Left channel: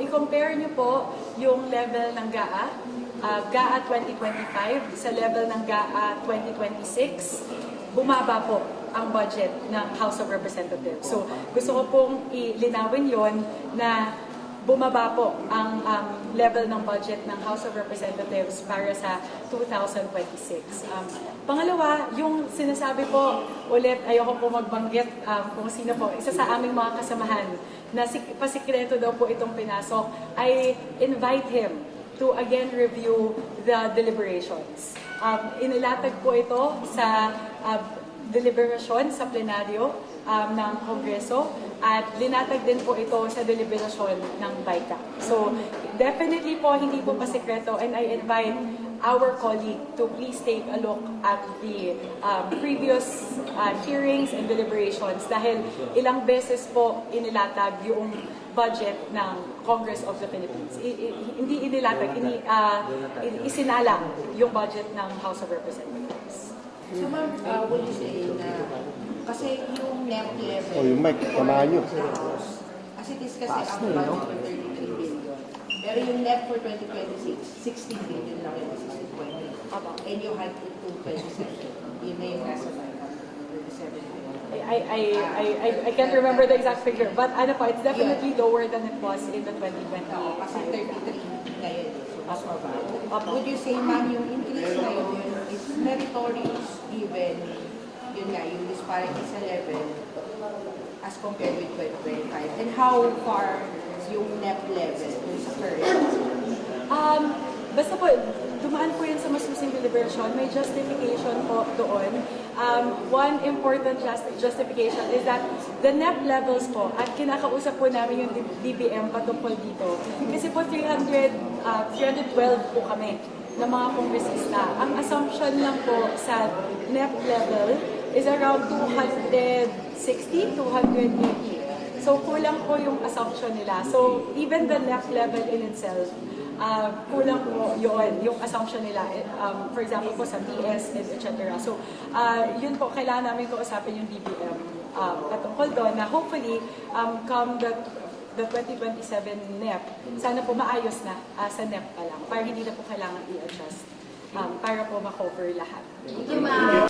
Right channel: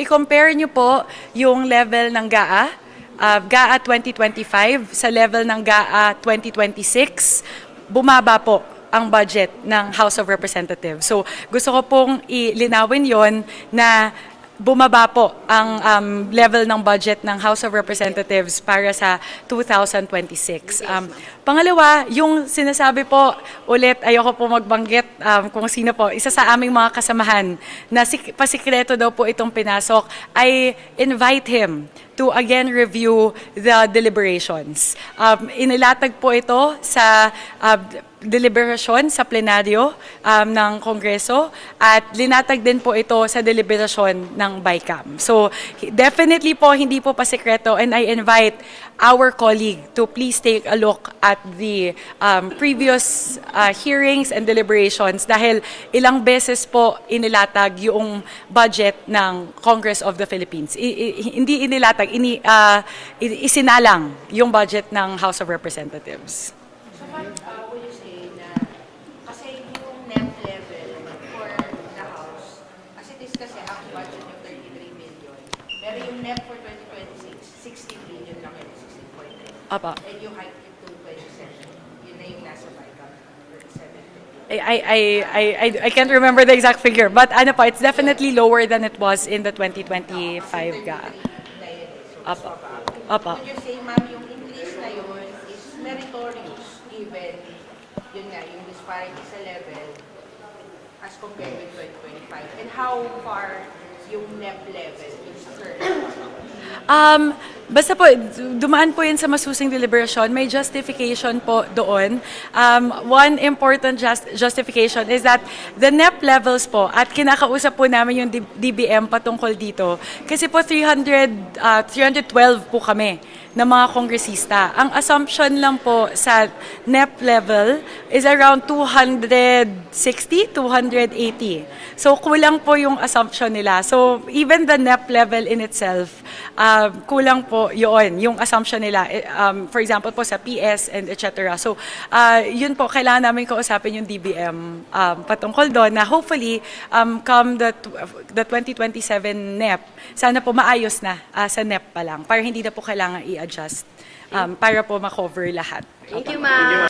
i-compare nyo po yung level ng GAA 2025 sa level ng GAA 2026, bumaba po ang budget ng House of Representatives. So gusto ko pong ilinawin yon na bumaba po ang level ng budget ng House of Representatives para sa 2026. Pangalawa, yung sinasabi po, ulit, ayoko po magbanggit kung sino po, isa sa aming mga kasamahan na pasikreto daw po itong pinasok, I invite him to again review the deliberations. Inilatag po ito sa deliberasyon sa plenaryo ng Kongreso at linatag din po ito sa deliberasyon ng BICAM. So definitely po hindi po pasikreto, and I invite our colleague to please take a look at the previous hearings and deliberations dahil ilang beses po inilatag yung budget ng Congress of the Philippines. Hindi inilatag, isinalang yung budget ng House of Representatives. So ma'am, would you say na, kasi yung NEP level yung mic, kamayo. na House, as it is kasi ang budget for 33 billion, pero yung NEP for 2026, 16 billion lang yung assisted point. Apa. And you hike it to 27. Yun na yung nasa BICAM, 27 billion. I can't remember the exact figure, but ano po, it's definitely lower than it was in the 2025 GAA. Apa. Apa. Would you say ma'am, yung increase na yun is meritorious given yun nga, yung disparity sa level as compared with 2025? And how far yung NEP level, yung sa current? Basta po, dumaan po yun sa masusing deliberation. May justification po doon. One important justification is that the NEP levels po, at kinakausap po namin yung DBM patungkol dito, kasi po 312 po kami ng mga kongresista. Ang assumption lang po sa NEP level is around 260, 280. So kulang po yung assumption nila. So even the NEP level in itself, kulang po yun, yung assumption nila. For example po sa PS and etc. So yun po, kailangan namin kausapin yung DBM patungkol doon na hopefully come the 2027 NEP, sana po maayos na sa NEP pa lang para hindi na po kailangan i-adjust para po ma-cover lahat. Thank you, ma'am.